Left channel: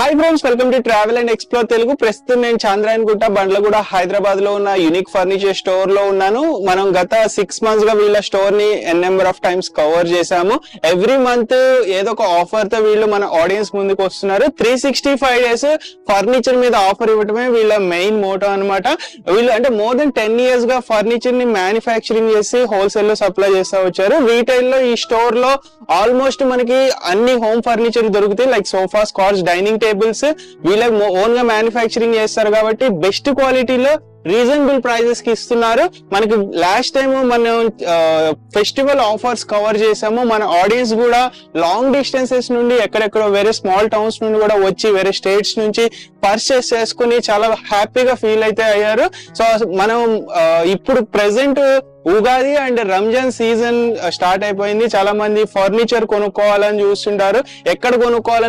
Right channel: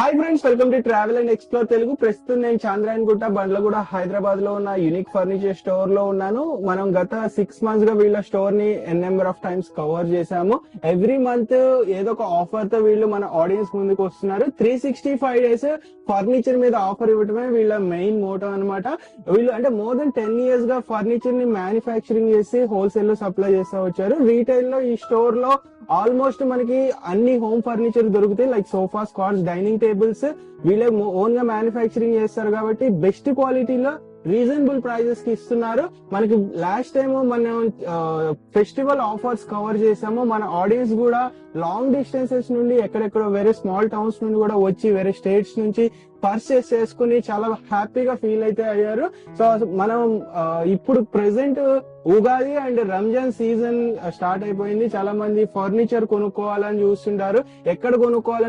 Hi friends, welcome to travel and explore Telugu. ప్రస్తుతం నేను చాంద్రాయణగుట్ట బండ్లగూడ హైదరాబాద్ లో ఉన్న యూనిక్ ఫర్నిచర్ స్టోర్ లో ఉన్నాను. మనం గత 6 months గా వీళ్ళ స్టోర్ ని నెంబర్ ఆఫ్ టైమ్స్ కవర్ చేశాము. ఎవ్రీ మంత్ ఏదో ఒక ఆఫర్ తో వీళ్ళు మన ఆడియన్స్ ముందుకు వస్తున్నారు. 365 days ఫర్నిచర్ మీద ఆఫర్ ఇవ్వటమే వీళ్ళ మెయిన్ మోటో అన్నమాట. వీళ్ళు అంటే మోర్ దెన్ 10 years గా ఫర్నిచర్ ని మ్యానుఫ్యాక్చరింగ్ చేసి హోల్సేల్ లో సప్లై చేస్తా వచ్చారు. రీటైల్ లో ఈ స్టోర్ లో ఆల్మోస్ట్ మనకి అన్ని హోమ్ ఫర్నిచర్ దొరుకుతాయి. Like sofas, cars, dining tables వీళ్ళకి ఓన్ గా మ్యానుఫ్యాక్చరింగ్ చేస్తారు కాబట్టి బెస్ట్ క్వాలిటీలో రీజనబుల్ ప్రైజెస్ కి ఇస్తున్నారు. మనకి లాస్ట్ టైం మనం ఫెస్టివల్ ఆఫర్స్ కవర్ చేసాము. మన ఆడియన్స్ కూడా లాంగ్ డిస్టెన్సెస్ నుండి ఎక్కడెక్కడో వేరే స్మాల్ టౌన్స్ నుండి కూడా వచ్చి వేరే స్టేట్స్ నుంచి పర్చేస్ చేసుకుని చాలా హ్యాపీగా ఫీల్ అయితే అయ్యారు. సో మనం ఇప్పుడు present Ugadi and Ramzan season start అయిపోయింది. చాలా మంది ఫర్నిచర్ కొనుక్కోవాలని చూస్తుంటారు. ఎక్కడ కొనుక్కోవాలని